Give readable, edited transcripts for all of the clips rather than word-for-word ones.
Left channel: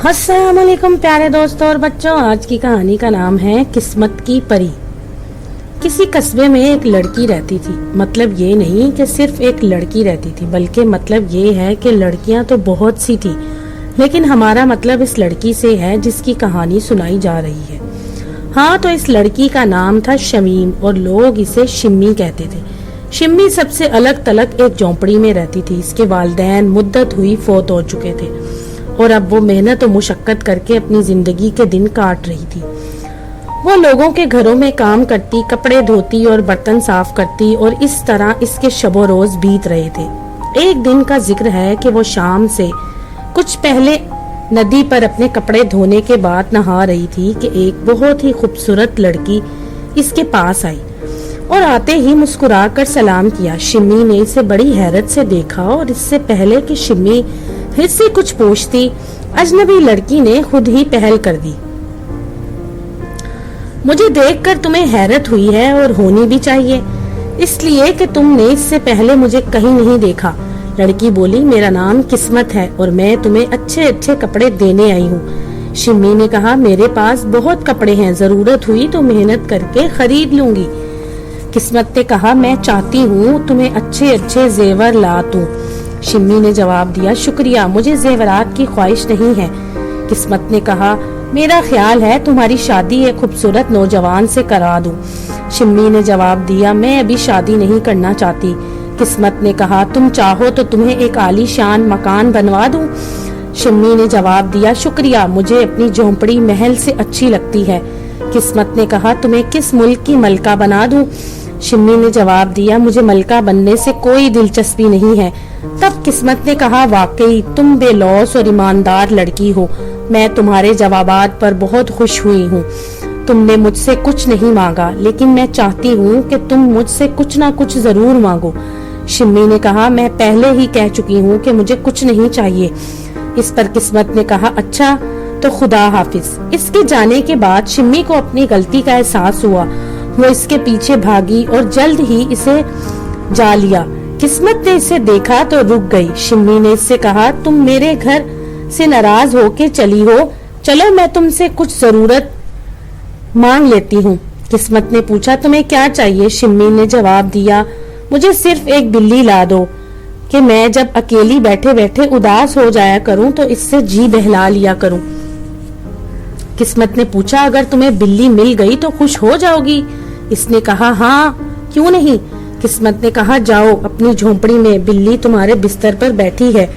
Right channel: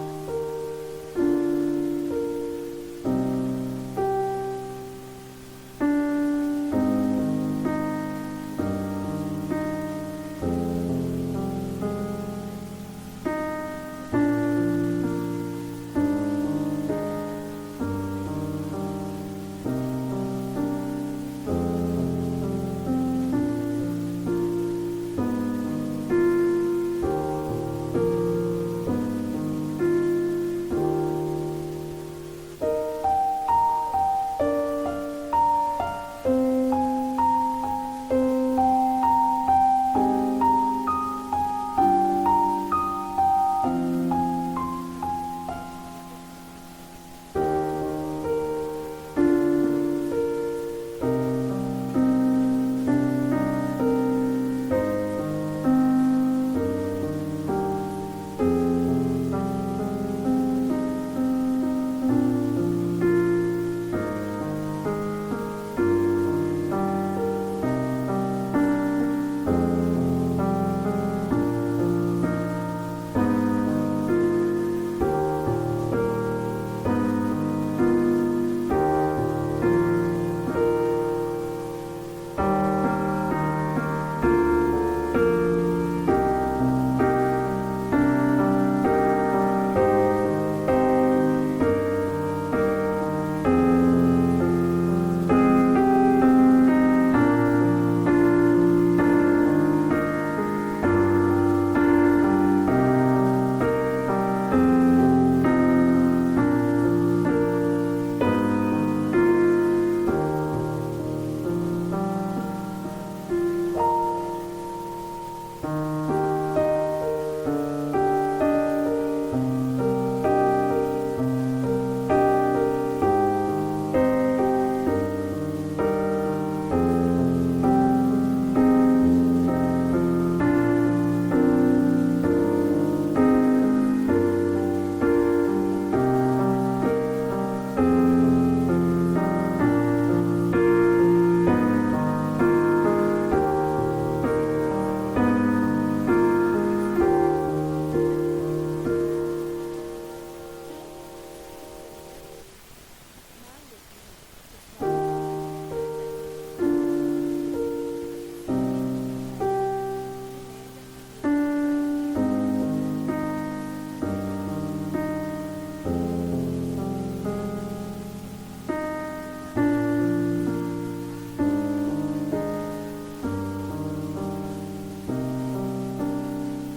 अस्सलाम वालेकुम प्यारे दोस्तों और बच्चों। आज की कहानी का नाम है किस्मत की परी। किसी कस्बे में एक लड़की रहती थी। मतलब ये नहीं कि सिर्फ एक लड़की रहती थी, बल्कि मतलब ये है कि लड़कियां तो बहुत सी थी, लेकिन हमारा मतलब इस लड़की से है जिसकी कहानी सुनाई जा रही है। हाँ, तो इस लड़की का नाम था शमीम और लोग इसे शिम्मी कहते थे। शिम्मी सबसे अलग थलग एक झोंपड़ी में रहती थी। इसके वालिदैन मुद्दत हुई फौत हो चुके थे और अब वो मेहनत और मुशक्कत करके अपनी जिंदगी के दिन काट रही थी। वो लोगों के घरों में काम करती, कपड़े धोती और बर्तन साफ करती और इस तरह इसके शबो रोज बीत रहे थे। एक दिन का जिक्र है कि वो शाम से कुछ पहले नदी पर अपने कपड़े धोने के बाद नहा रही थी कि एक बहुत ही खूबसूरत लड़की इसके पास आई और आते ही मुस्कुरा कर सलाम किया। शिम्मी ने इसे बड़ी हैरत से देखा और इससे पहले कि शिम्मी फिर से कुछ पूछती, अजनबी लड़की ने खुद ही पहल कर दी। मुझे देखकर तुम्हें हैरत हुई है और होनी भी चाहिए, इसलिए कि तुमने इससे पहले मुझे कहीं नहीं देखा। लड़की बोली, मेरा नाम किस्मत है और मैं तुम्हें अच्छे अच्छे कपड़े देने आई हूँ। शिम्मी ने कहा, मेरे पास बहुत कपड़े हैं, जरूरत हुई तो मेहनत करके खरीद लूंगी। किस्मत ने कहा, मैं चाहती हूँ तुम्हें अच्छे अच्छे जेवर ला दूं। शिम्मी ने जवाब दिया, शुक्रिया, मुझे जेवरात की ख्वाहिश नहीं है। किस्मत ने कहा, मेरा ख्याल है तुम्हारी शादी एक खूबसूरत नौजवान से करा दूं। शिम्मी ने जवाब दिया, मैं अभी शादी नहीं करना चाहती। किस्मत ने कहा, तुम चाहो तो तुम्हें एक आलीशान मकान बनवा दूं। शिम्मी ने जवाब दिया, शुक्रिया, मुझे अपनी झोंपड़ी महल से अच्छी लगती है। किस्मत ने कहा, तुम्हें किस मुल्क की मलका बना दूं। शिम्मी ने जवाब दिया, मुझे मलका बनने से कोई दिलचस्पी नहीं है। तब किस्मत ने कहा, वाकई तुम बेलौस और ईमानदार लड़की हो, मैं तुम्हारे जवाबात पर बहुत खुश हुई हूँ। तुमने मुझसे कुछ नहीं मांगा, लेकिन मैं चाहती हूँ कि तुम मुझसे कुछ ना कुछ जरूर मांगो। शिम्मी ने कहा, मैं पहले ही कह चुकी हूँ कि मुझे कुछ नहीं चाहिए। इस पर किस्मत ने कहा, अच्छा तो खुदा हाफिज। इसके जाने के बाद शिम्मी को अपनी गलती का एहसास हुआ। वो इसके पीछे भागी और जल्द ही इसे जा लिया। किस्मत ने इसे देखा तो रुक गई। शिम्मी ने इससे कहा, तुम मेरे घर से नाराज होके चली हो, चलो मैं तुमसे कुछ जरूरत मांग लेती हूँ। किस्मत ने पूछा, तुम्हें क्या चाहिए? शिम्मी ने जवाब दिया, मुझे सिर्फ एक बिल्ली ला दो कि मैं जब अकेली बैठे बैठे उदास हो जाया करूँ तो इससे जी बहला लिया करूँ। किस्मत ने पूछा, अगर तुम्हें बिल्ली मिल गई तो खुश हो जाओगी? इसने कहा, हाँ क्यों नहीं। किस्मत ने कहा, जाओ अपनी झोंपड़ी में, बिल्ली तुम्हारे बिस्तर पर बैठी है।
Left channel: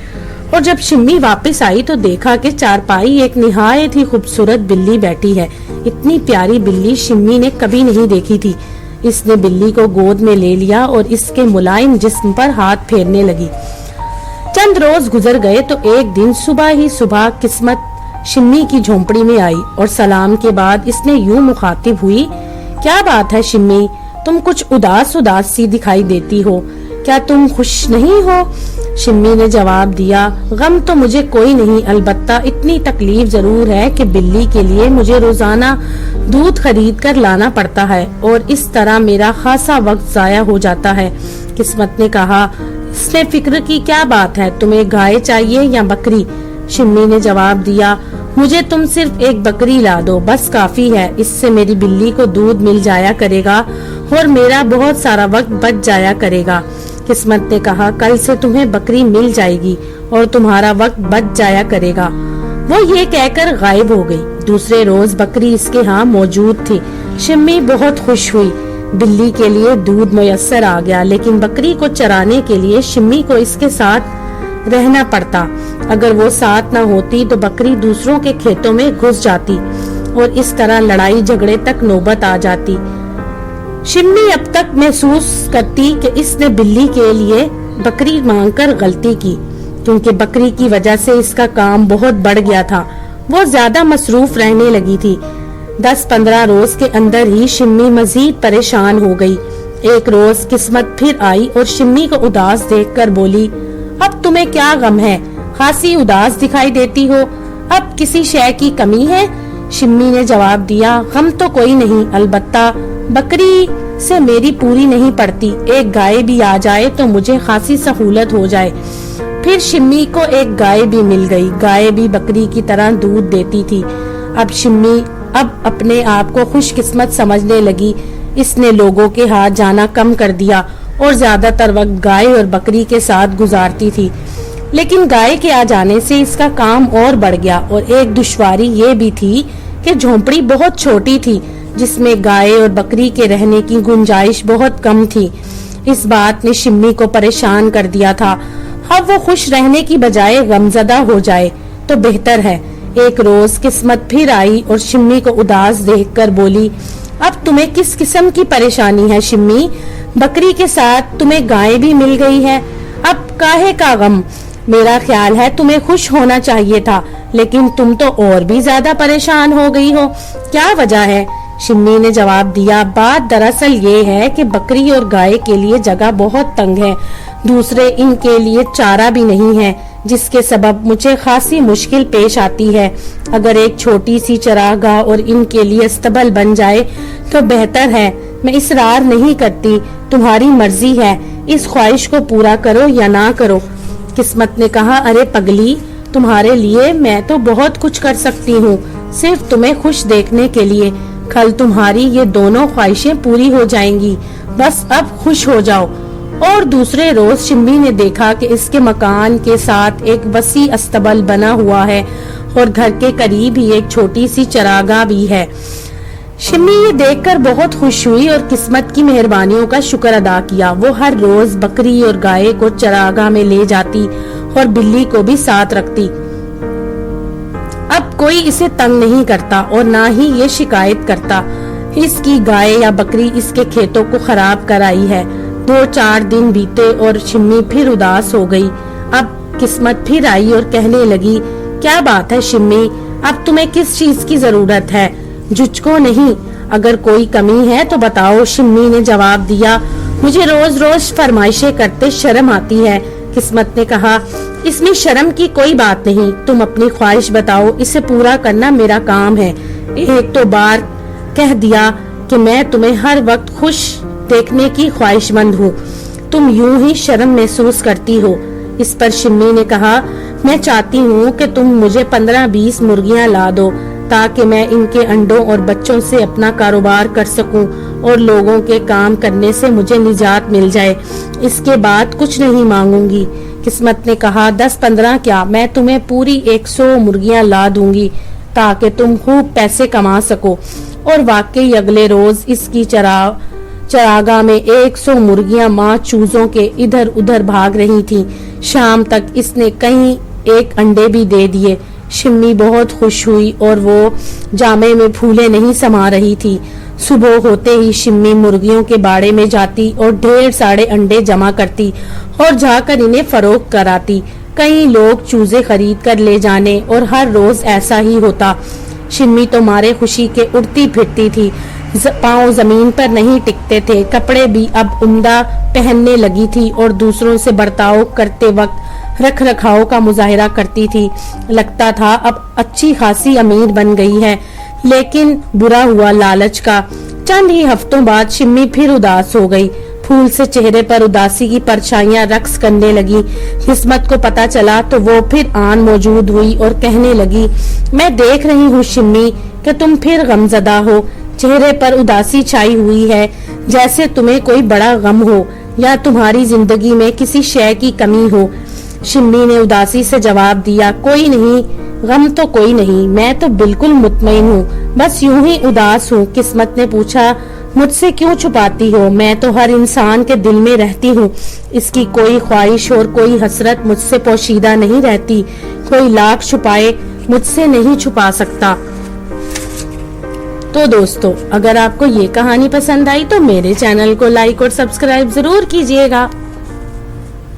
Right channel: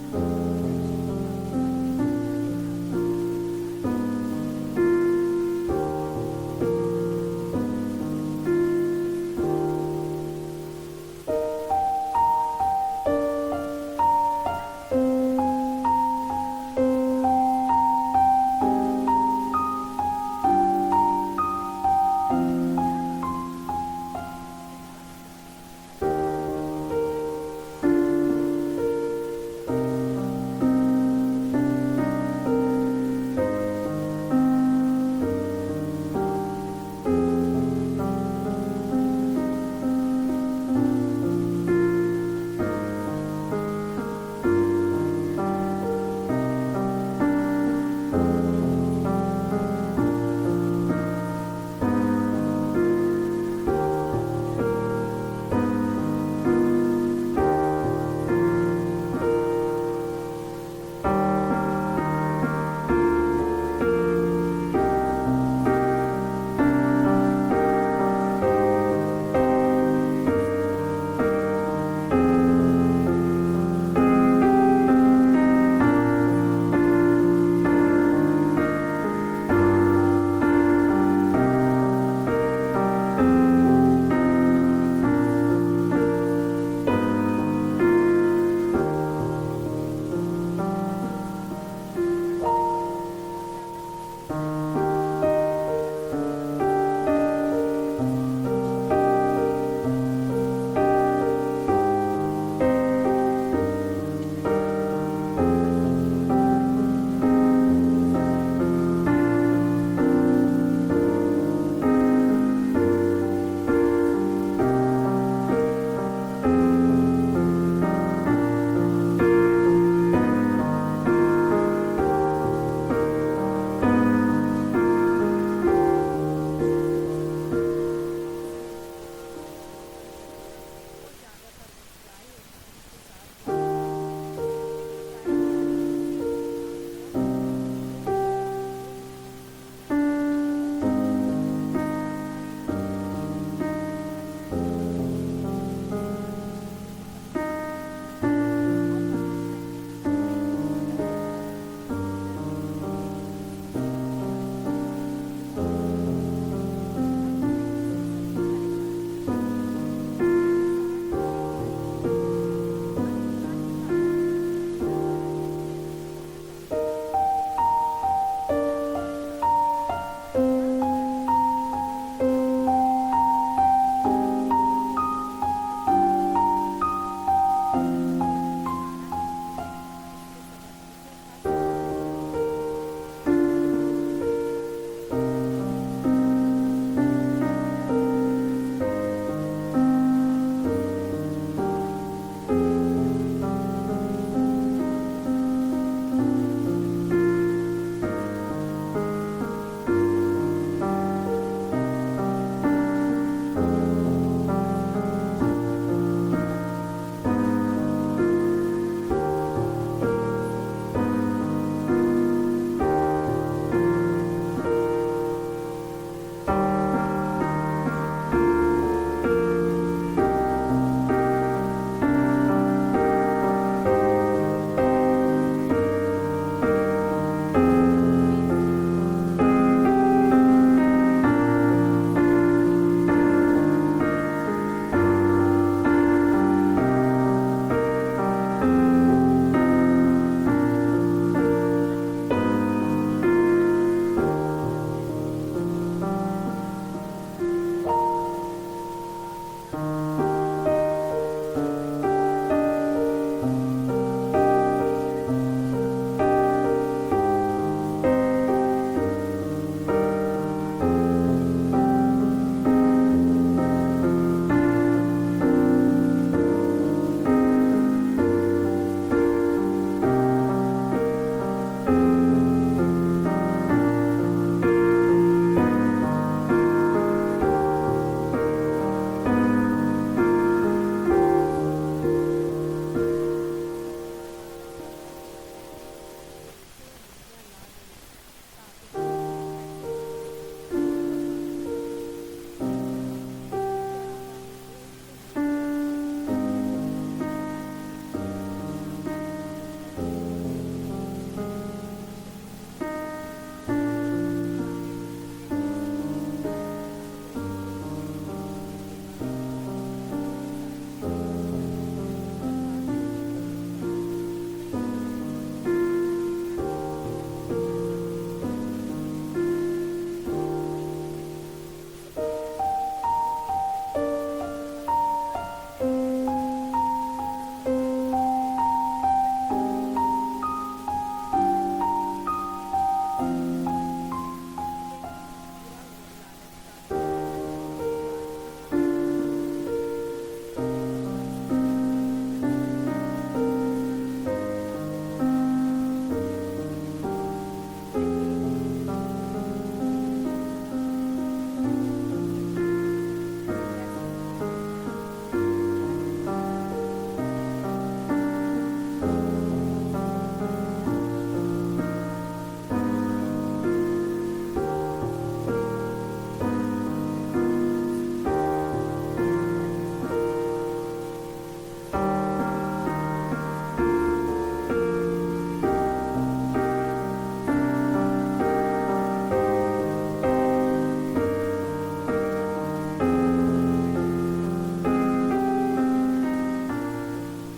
और जब शिम्मी वापस आई तो देखा कि चारपाई एक निहायत ही खूबसूरत बिल्ली बैठी है। इतनी प्यारी बिल्ली शिम्मी ने कभी नहीं देखी थी। इसने बिल्ली को गोद में ले लिया और इसके मुलायम जिस्म पर हाथ फेरने लगी। चंद रोज गुजर गए तो एक दिन सुबह ही सुबह किस्मत शिम्मी की झोंपड़ी में आई और सलाम के बाद इसने यूं मुखातिब हुई, क्या बात है शिम्मी, तुम कुछ उदास उदास सी दिखाई देती हो, क्या तुम खुश नहीं हो? शिम्मी ने जवाब दिया, गम तो मुझे कोई नहीं, अलबत्ता इतनी तकलीफ जरूर है कि बिल्ली के लिए मुझे रोजाना दूध खरीद कर लाना पड़ता है और इस तरह मेरा खासा वक्त जाया हो जाता है। किस्मत ने कहा, इसमें फिक्र की क्या बात है, तुम्हें गाय चाहिए या बकरी? शिम्मी ने जवाब दिया, मुझे तुम सिर्फ एक बकरी ला दो, बस काफी है। इससे मेरी बिल्ली को दूध मिल जाया करेगा और मेरा बहुत सारा वक्त बच जाया करेगा। किस्मत ने कहा, कल से तुम्हें बकरी मिल जाएगी और तुम्हारा वक्त बच जाया करेगा। वो ये कहकर गायब हो गई। दूसरे रोज बकरी इसके यहाँ मौजूद थी। शिम्मी बहुत खुश हुई। बिल्ली के लिए दूध मुयस्सर आ गया, लेकिन बकरी को चराने के लिए शिम्मी को इसके साथ रहना पड़ता। अगर वो साथ न होती तो बकरी दूसरों के खेतों में घुस जाती और इस तरह लड़ाई झगड़े तक नौबत आ जाती। शिम्मी अब तक महसूस करती कि इसने बिल्ली के लिए बकरी मांगकर गलती की, क्योंकि बकरी की वजह से इसका काम बहुत बढ़ गया था। वो ज्यादा मसरूफ रहने लगी थी। 10-15 रोज के अंदर ही शिम्मी मजीद परेशान हो गई। एक रोज किस्मत फिर आई और शिम्मी को उदास देखकर बोली, अब तुम्हें क्या गम है, खासी उदास दिखाई देती हो, अब किसी शय की कमी है? शिम्मी ने जवाब दिया, गम तो कोई नहीं, अलबत्ता बकरी से मेरी पूरी नहीं पड़ती, एक गाय भी आ जाए तो मुझे खासी सहूलत हो जाए। फिर शिम्मी को एक गाय भी मिल गई। गाय भी बकरी की तरह दूध देती थी। अब शिम्मी अपने आप को खुशकिस्मत समझने लगी। इसने लोगों के हाथ जाना कम कर दिया और ज्यादातर वक्त गाय और बकरी के साथ गुजारती थी। लेकिन गाय के आ जाने से इसका काम और बढ़ गया और एक दुश्वारी ये भी थी कि झोंपड़ी बहुत छोटी थी, जिसमें गाय और बकरी के रहने की गुंजाइश बहुत कम थी। इस बात ने शिम्मी को परेशान कर दिया था। अब वो खुश रहने की बजाय गमजदा हो जाए तो बेहतर है। एक रोज किस्मत फिर आई और शिम्मी को उदास देखकर बोली, अब तुम्हें किस किस्म की परेशानी है शिम्मी? बकरी के साथ तुम्हें गाय भी मिल गई है, अब काहे का गम? मेरा ख्याल है तुम्हें खुश होना चाहिए था, लेकिन तुम तो और भी ज्यादा परेशान हो गई हो। क्या वजह है? शिम्मी ने जवाब दिया, बात दरअसल ये है कि बकरी और गाय के लिए जगह बहुत तंग है, दूसरे इनके लिए चारा भी नहीं है, जिसके सबब मुझे खासी मुश्किल पेश आती है। अगर एक छोटी सी चरागाह और इनके लिए अस्तबल बन जाए तो बेहतर है। मैं इसरार नहीं करती, तुम्हारी मर्जी है, इस ख्वाहिश को पूरा करो या ना करो। किस्मत ने कहा, अरे पगली, तुम्हारे लिए मैं तो बहुत कुछ कर सकती हूँ, सिर्फ तुम्हें खुश देखने के लिए। कल तुम्हारी ये दोनों ख्वाहिशें पूरी हो जाएंगी, बस अब खुश हो जाओ। और दूसरे रोज शिम्मी ने देखा कि इसके मकान के साथ एक वसी अस्तबल बना हुआ है और घर के करीब ही एक छोटी सी चरागाह भी है। शिम्मी ये देखकर बहुत खुश हुई और किस्मत की मेहरबानियों का शुक्र अदा किया। वो हर रोज बकरी और गाय को चरागाह में ले जाती और बिल्ली को भी साथ रखती। अब कोई इसे तंग नहीं करता और ना ही ये शिकायत करता इसकी गाय या बकरी इसके खेतों को खराब कर आई है। 2-4 दिन बीते और शिम्मी फिर उदास हो गई। अब किस्मत फिर आई और कहने लगी, क्या बात है शिम्मी, अब तुम्हें किस चीज की जरूरत है? झुझको नहीं, अगर कोई कमी है तो बताओ। शिम्मी ने जवाब दिया, मुझे रोज रोज फरमाइशें करते शर्म आती है। किस्मत ने कहा, इसमें शर्म की कोई बात नहीं, तुम अपनी ख्वाहिश बताओ, इसे पूरा करना मेरा काम है। एक तो बार कह दिया कि मैं तुम्हें हर वक्त खुश देखने की ख्वाहिशमंद हूँ, तुम यूं ही शर्म महसूस करती हो। इस पर शिम्मी ने कहा, मैं चाहती हूँ कि तुम मुझे 15-20 मुर्गियाँ ला दो, ताकि मैं इनके अंडों और बच्चों से अपना कारोबार कर सकूं और लोगों के काम करने से मुझे निजात मिल जाए। इसके बाद कुछ नहीं मांगूंगी। किस्मत ने कहा, 10-15 क्या, मैं तुम्हें पूरी 100 मुर्गियाँ ला दूंगी ताकि तुम खूब पैसे कमा सको। और वाकई अगले रोज इसकी चरागाह में 100 मुर्गियां माँ चूजों के इधर उधर भाग रही थीं। शाम तक इसने कहीं एक अंडे भी दे दिए। शिम्मी बहुत खुश हुई और वो जामे में फूले नहीं समा रही थी। सुबह होते ही शिम्मी मुर्गियों के बाड़े में जाती और ढेर सारे अंडे जमा करती और जाकर इन्हें फरोख्त कराती। कई लोग चूजे खरीद कर ले जाने और हर रोज ऐसा ही होता। शिम्मी तो मारे खुशी के उड़ती फिरती थी, पाँव जमीन पर नहीं टिकते थे, कपड़े भी अब उम्दा पहनने लगी थी और दूसरों से बर्ताव करते वक्त रख रखाव का मुजाहिरा करती थी। लगता था अब अच्छी खासी अमीर बन गई है, लेकिन बुरा हुआ लालच का। चंद ही हफ्तों बाद शिम्मी फिर उदास हो गई। फूल से चेहरे पर उदासी की परछाइयां रक्स करने लगी। किस्मत को पता चला तो वो फिर आन मौजूद हुई और कहने लगी, मैं देख रही हूँ शिम्मी कि तुम फिर गमजदा हो, चेहरे पर उदासी छाई हुई है, जैसे तुम्हें कोई बड़ा गम हो या तुम्हारी जिंदगी में किसी शय की कमी हो। शिम्मी ने उदासी से जवाब दिया, कोई नहीं, गम तो कोई नहीं, मैं तो बिल्कुल मुतमईन हूँ, बस यूं ही उदास हूँ। किस्मत ने पूछा, मुझसे क्यों छुपाती हो? मैं तो हर इंसान के दिल में रहती हूँ, इसकी कोई ख्वाहिश और कोई हसरत मुझसे पोशीदा नहीं रहती। कोई लाख छुपाए मुझसे नहीं छुपा सकता। तो दोस्तों, अगर आपको ये कहानी पसंद आई तो मेरे चैनल को लाइक और सब्सक्राइब जरूर कीजिएगा।